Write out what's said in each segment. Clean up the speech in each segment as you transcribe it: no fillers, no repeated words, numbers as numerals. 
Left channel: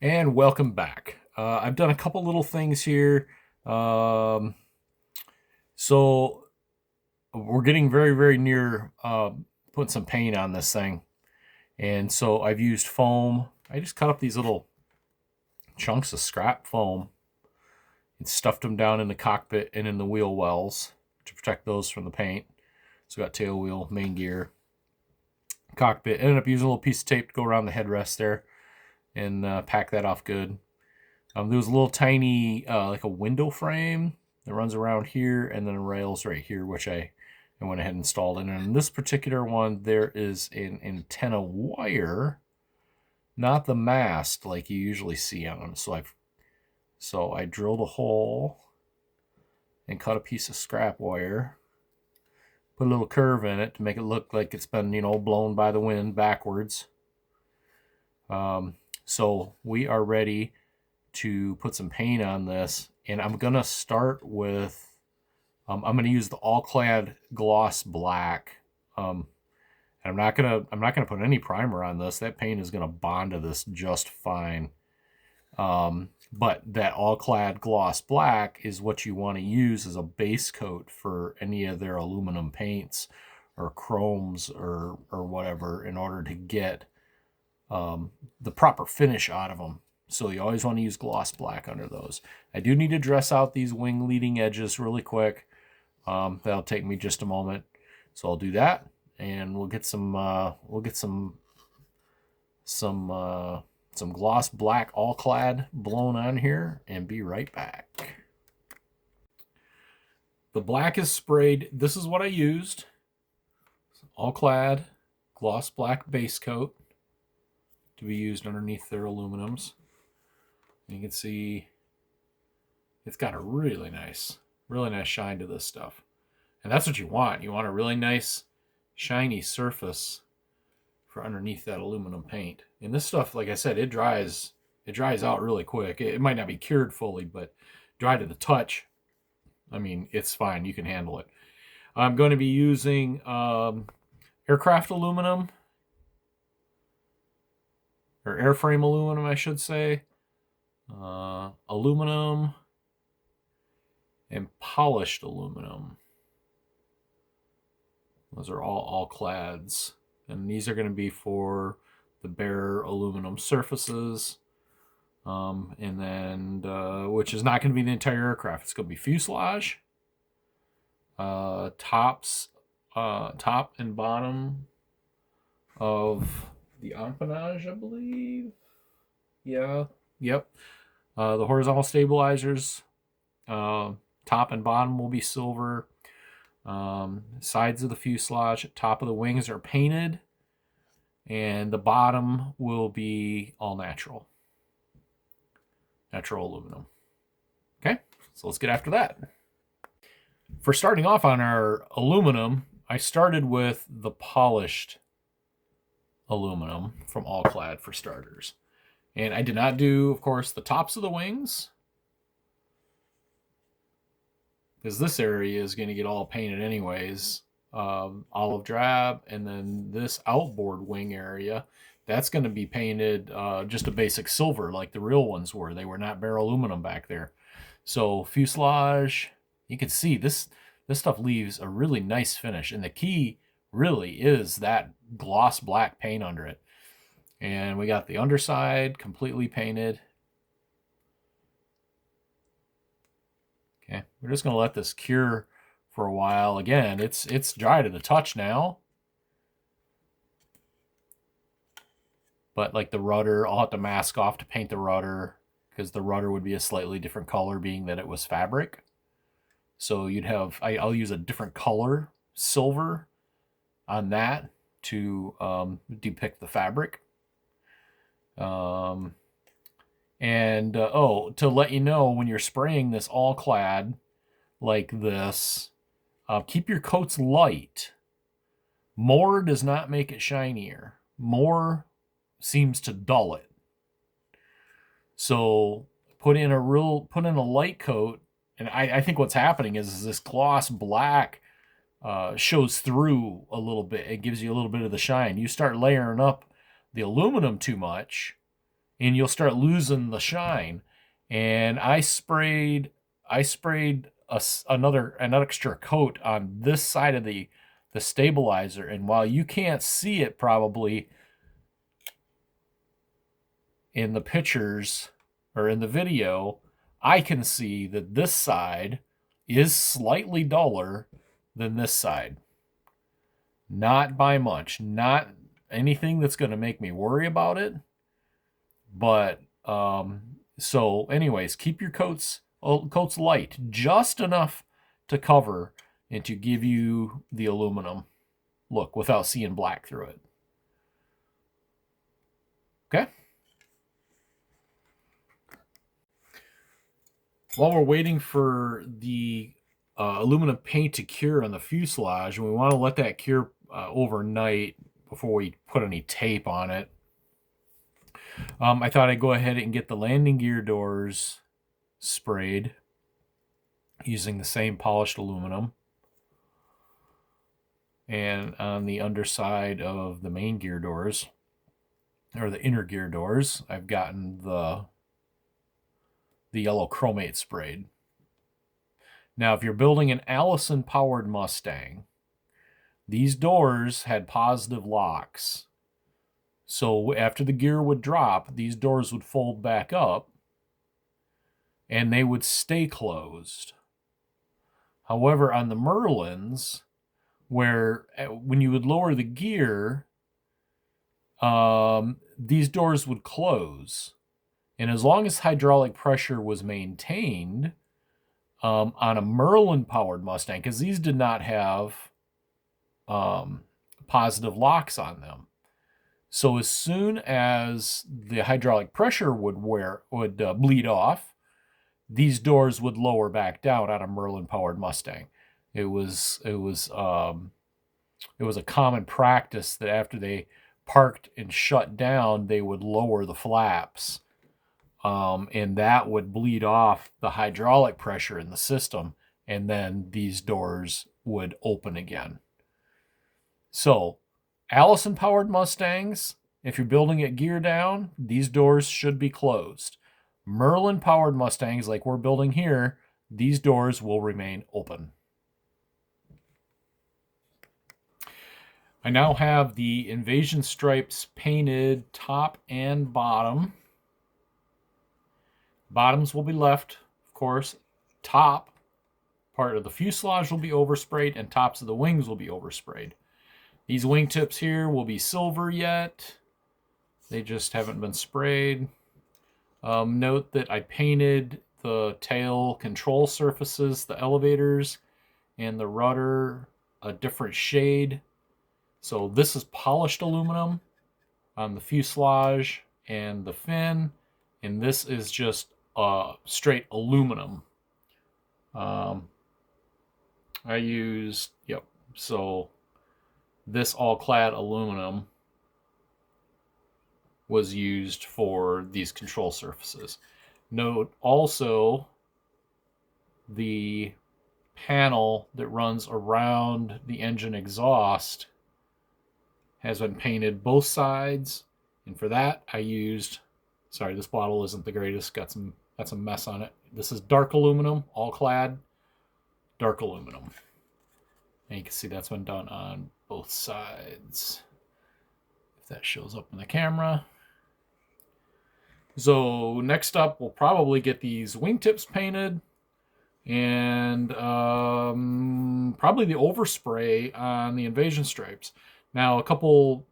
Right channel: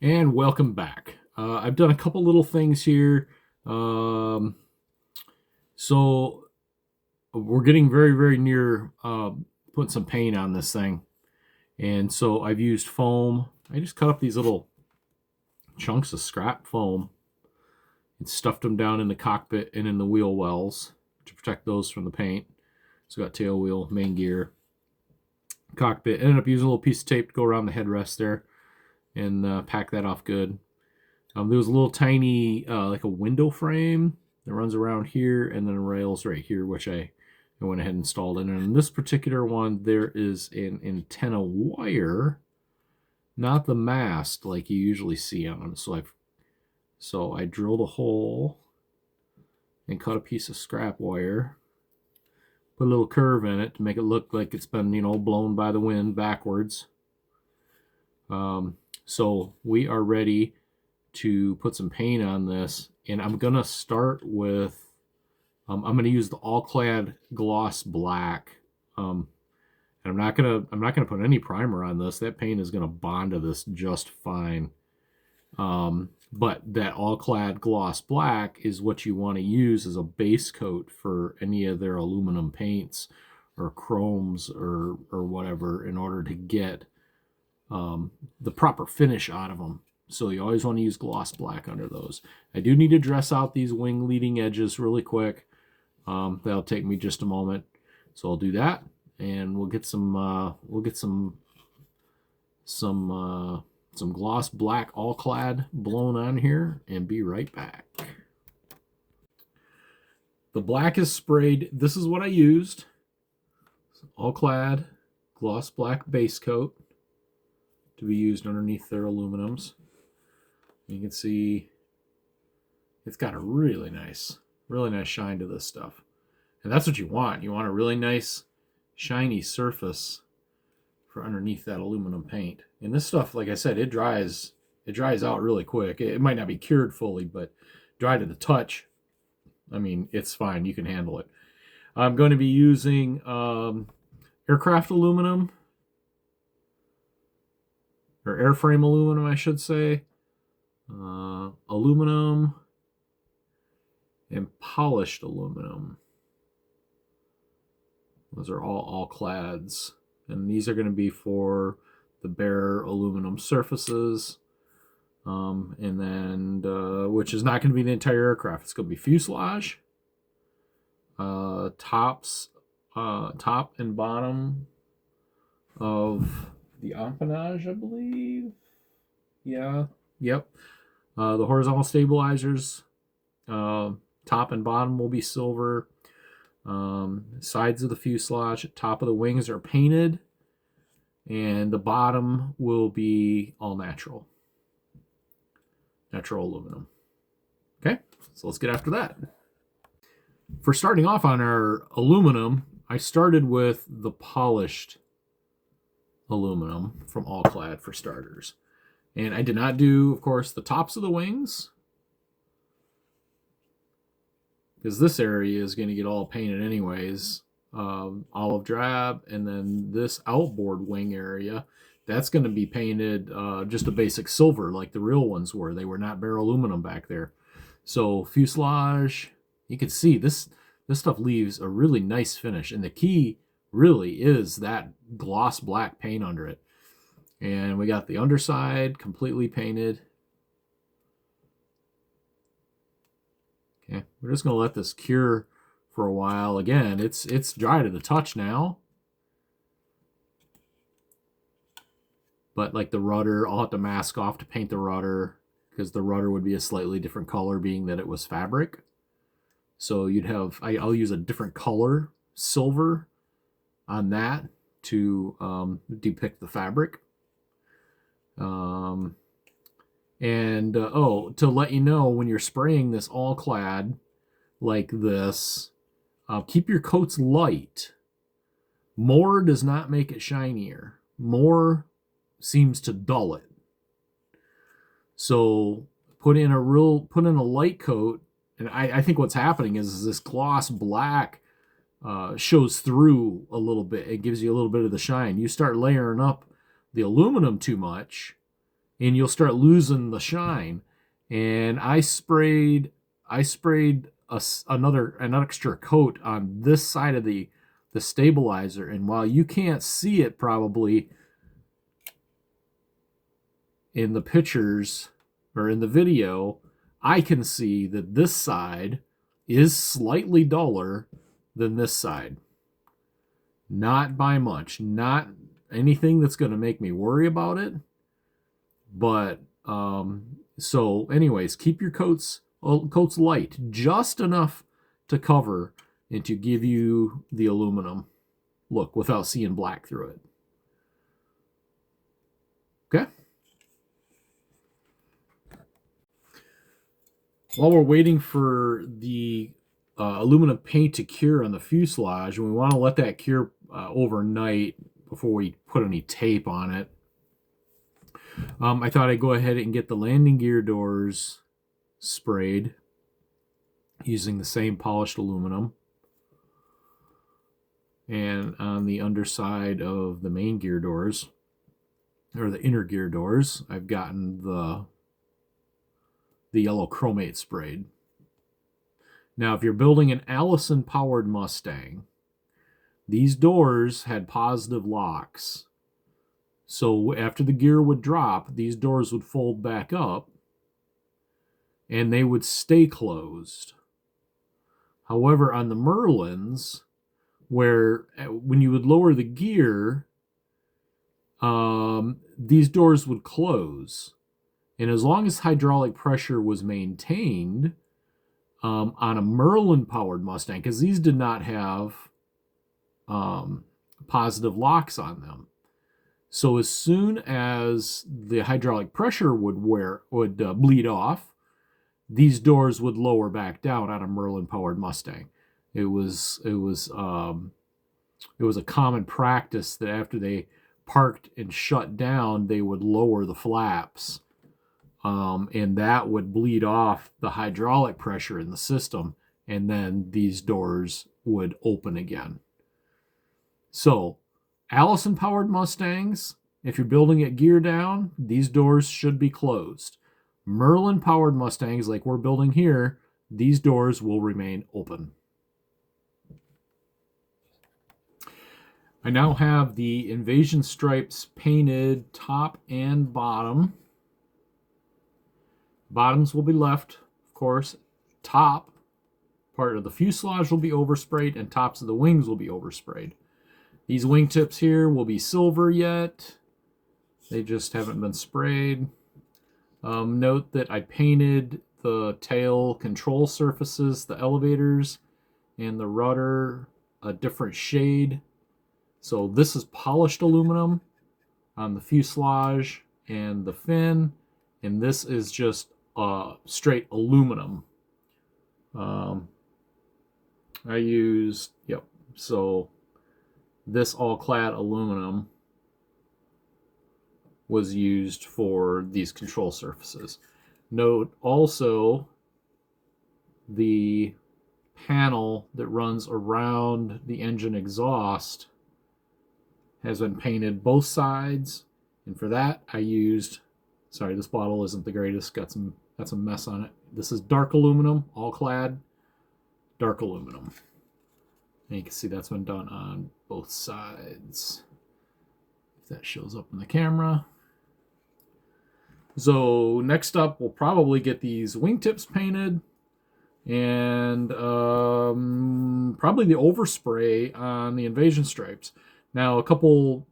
And welcome back. I've done a couple little things here. Um, so we're getting very, very near putting some paint on this thing. And so I've used foam. I just cut up these little chunks of scrap foam and stuffed them down in the cockpit and in the wheel wells to protect those from the paint. So got tail wheel, main gear, cockpit. Ended up using a little piece of tape to go around the headrest there and pack that off good. There was a little tiny, like a window frame that runs around here, and then rails right here, which I went ahead and installed. And in this particular one, there is an antenna wire, not the mast like you usually see on them. So I drilled a hole and cut a piece of scrap wire, put a little curve in it to make it look like it's been, blown by the wind backwards. So we are ready to put some paint on this, and I'm gonna start with I'm gonna use the all clad gloss black. And I'm not gonna put any primer on this. That paint is gonna bond to this just fine. But that all clad gloss black is what you want to use as a base coat for any of their aluminum paints or chromes or whatever, in order to get the proper finish out of them. So you always want to use gloss black under those. I do need to dress out these wing leading edges really quick. That'll take me just a moment. So I'll do that, and we'll get some gloss black all clad blown on here, and be right back. The black is sprayed. This is what I used. All clad gloss black base coat to be used underneath their aluminums. You can see it's got a really nice shine to this stuff. And that's what you want. You want a really nice shiny surface for underneath that aluminum paint. And this stuff, like I said, it dries out really quick. It might not be cured fully, but dry to the touch, I mean, it's fine. You can handle it. I'm going to be using aircraft aluminum, or airframe aluminum, I should say. Aluminum and polished aluminum. Those are all clads, and these are going to be for the bare aluminum surfaces. And then which is not going to be the entire aircraft. It's going to be fuselage, top and bottom of the empennage, I believe. Yeah, yep. The horizontal stabilizers, top and bottom will be silver. Sides of the fuselage, top of the wings are painted, and the bottom will be all natural aluminum. Okay, so let's get after that. For starting off on our aluminum, I started with the polished aluminum from All Clad for starters. And I did not do, of course, the tops of the wings, because this area is going to get all painted anyways. Olive drab, and then this outboard wing area, that's going to be painted just a basic silver like the real ones were. They were not bare aluminum back there. So fuselage, you can see this stuff leaves a really nice finish, and the key really is that gloss black paint under it. And we got the underside completely painted. Okay, we're just going to let this cure for a while. Again, it's dry to the touch now. But like the rudder, I'll have to mask off to paint the rudder, because the rudder would be a slightly different color, being that it was fabric. So you'd have, I'll use a different color, silver, on that to depict the fabric. To let you know, when you're spraying this all clad like this, keep your coats light. More does not make it shinier. More seems to dull it. So put in a light coat, and I think what's happening is this gloss black shows through a little bit. It gives you a little bit of the shine. You start layering up the aluminum too much, and you'll start losing the shine. And I sprayed an extra coat on this side of the stabilizer, and while you can't see it probably in the pictures or in the video, I can see that this side is slightly duller than this side. Not by much, not anything that's going to make me worry about it. But so anyways, keep your coats light, just enough to cover and to give you the aluminum look without seeing black through it. Okay. While we're waiting for the aluminum paint to cure on the fuselage, and we want to let that cure overnight before we put any tape on it, I thought I'd go ahead and get the landing gear doors sprayed using the same polished aluminum. And on the underside of the main gear doors, or the inner gear doors, I've gotten the yellow chromate sprayed. Now, if you're building an Allison-powered Mustang, these doors had positive locks. So after the gear would drop, these doors would fold back up, and they would stay closed. However, on the Merlins, where when you would lower the gear, these doors would close. And as long as hydraulic pressure was maintained on a Merlin-powered Mustang, because these did not have positive locks on them. So as soon as the hydraulic pressure would bleed off, these doors would lower back down on a Merlin-powered Mustang. It was a common practice that after they parked and shut down, they would lower the flaps, and that would bleed off the hydraulic pressure in the system, and then these doors would open again. So, Allison-powered Mustangs, if you're building it gear down, these doors should be closed. Merlin-powered Mustangs, like we're building here, these doors will remain open. I now have the Invasion stripes painted top and bottom. Bottoms will be left, of course. Top part of the fuselage will be oversprayed, and tops of the wings will be oversprayed. These wingtips here will be silver yet. They just haven't been sprayed. Note that I painted the tail control surfaces, the elevators, and the rudder a different shade. So this is polished aluminum on the fuselage and the fin, and this is just straight aluminum. I used, so this all-clad aluminum was used for these control surfaces. Note also the panel that runs around the engine exhaust has been painted both sides, and for that I used, sorry, this bottle isn't the greatest, got some mess on it. This is dark aluminum, all clad, dark aluminum. And you can see that's been done on both sides. If that shows up in the camera. So next up, we'll probably get these wingtips painted, and probably the overspray on the Invasion stripes. Now, a couple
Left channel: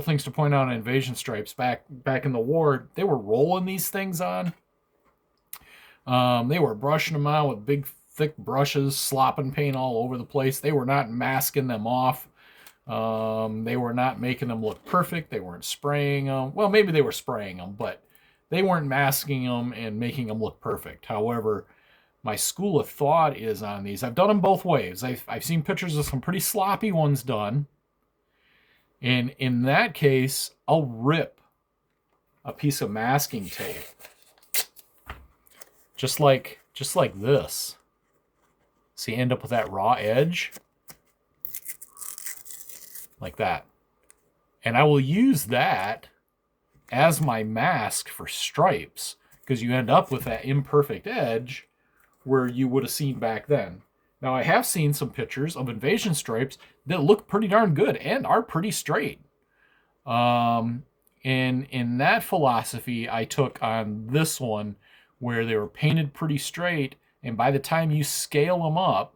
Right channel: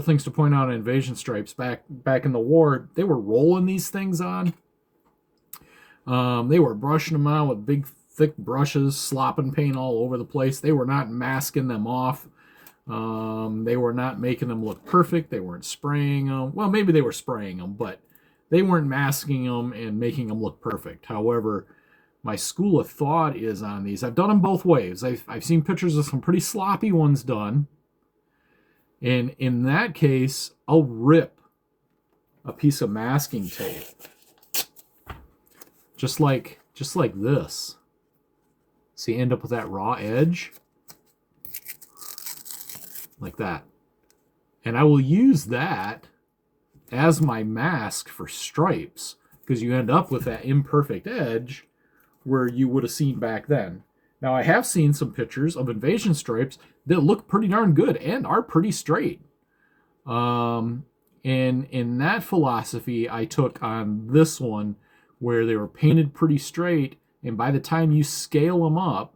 things to point out on Invasion stripes. Back in the war, they were rolling these things on. They were brushing them out with big, thick brushes, slopping paint all over the place. They were not masking them off. They were not making them look perfect. They weren't spraying them. Well, maybe they were spraying them, but they weren't masking them and making them look perfect. However, my school of thought is on these. I've done them both ways. I've seen pictures of some pretty sloppy ones done. And in that case, I'll rip a piece of masking tape. Just like this. So you end up with that raw edge. Like that. And I will use that as my mask for stripes, because you end up with that imperfect edge where you would have seen back then. Now, I have seen some pictures of invasion stripes that look pretty darn good and are pretty straight. And in that philosophy, I took on this one where they were painted pretty straight, and by the time you scale them up,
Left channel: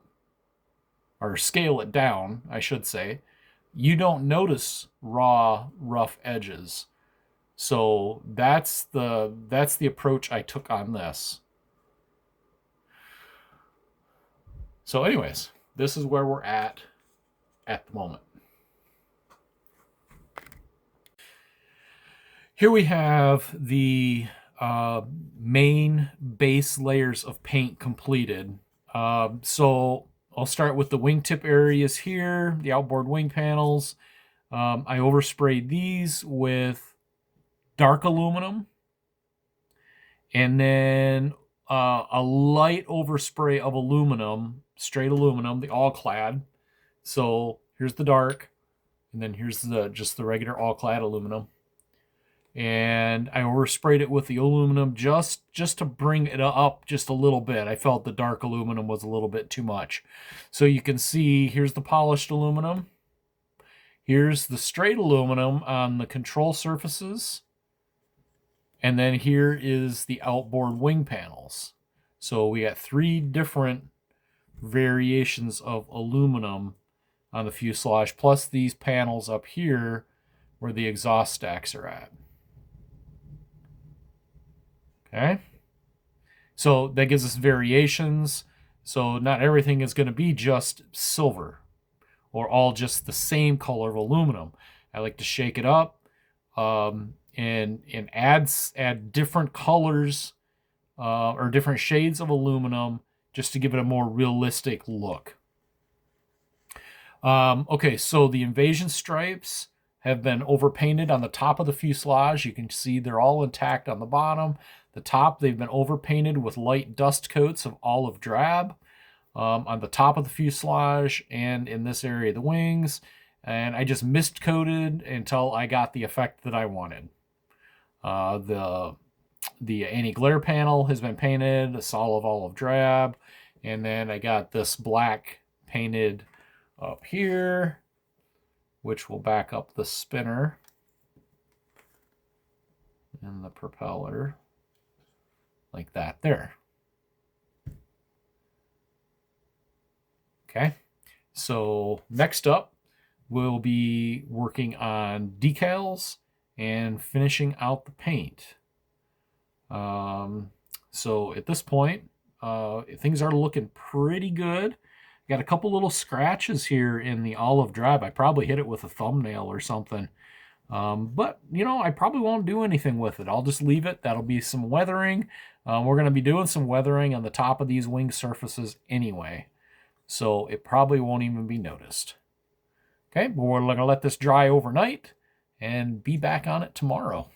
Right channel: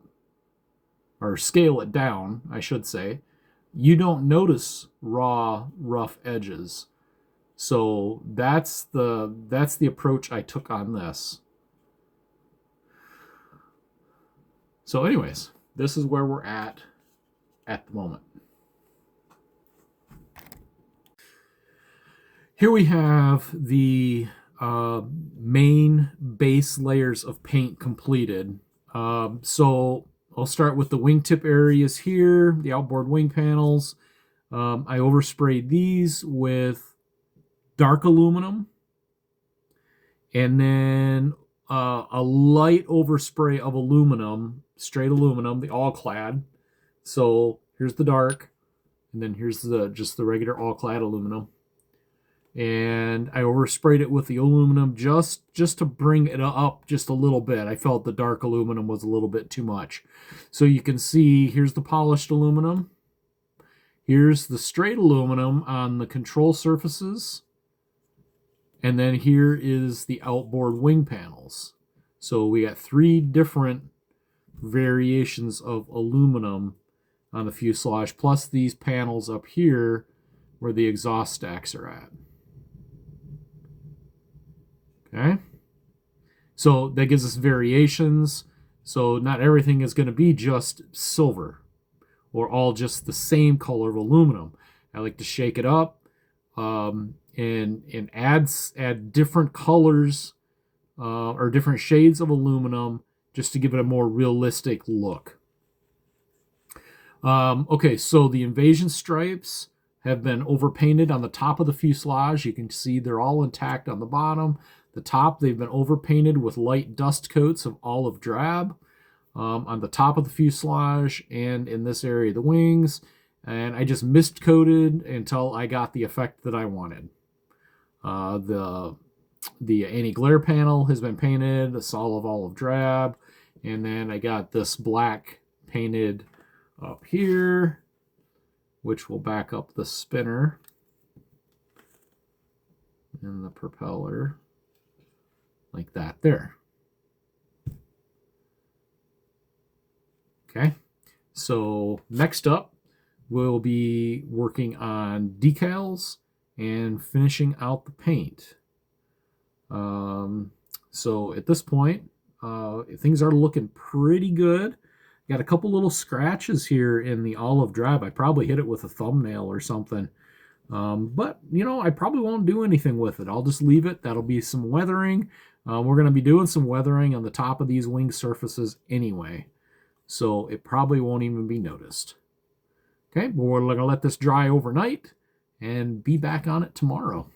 or scale it down, I should say, you don't notice raw, rough edges. So that's the approach I took on this. So anyways, this is where we're at the moment. Here we have the main base layers of paint completed. So I'll start with the wingtip areas here, the outboard wing panels. I oversprayed these with dark aluminum, and then a light overspray of aluminum, straight aluminum, the all clad. So here's the dark, and then here's just the regular all clad aluminum. And I oversprayed it with the aluminum just to bring it up just a little bit. I felt the dark aluminum was a little bit too much. So you can see here's the polished aluminum. Here's the straight aluminum on the control surfaces. And then here is the outboard wing panels. So we got 3 different variations of aluminum on the fuselage, plus these panels up here where the exhaust stacks are at. Okay, so that gives us variations. So not everything is going to be just silver or all just the same color of aluminum. I like to shake it up and add different colors or different shades of aluminum just to give it a more realistic look. Okay, so the invasion stripes have been overpainted on the top of the fuselage. You can see they're all intact on the bottom. The top, they've been overpainted with light dust coats of olive drab on the top of the fuselage and in this area of the wings. And I just mist coated until I got the effect that I wanted. The anti-glare panel has been painted, a solid olive drab. And then I got this black painted up here, which will back up the spinner and the propeller like that there. Okay, so next up, we'll be working on decals and finishing out the paint. So at this point, things are looking pretty good. Got a couple little scratches here in the olive drab. I probably hit it with a thumbnail or something. But, you know, I probably won't do anything with it. I'll just leave it. That'll be some weathering. We're going to be doing some weathering on the top of these wing surfaces anyway. So it probably won't even be noticed. Okay, but we're going to let this dry overnight and be back on it tomorrow.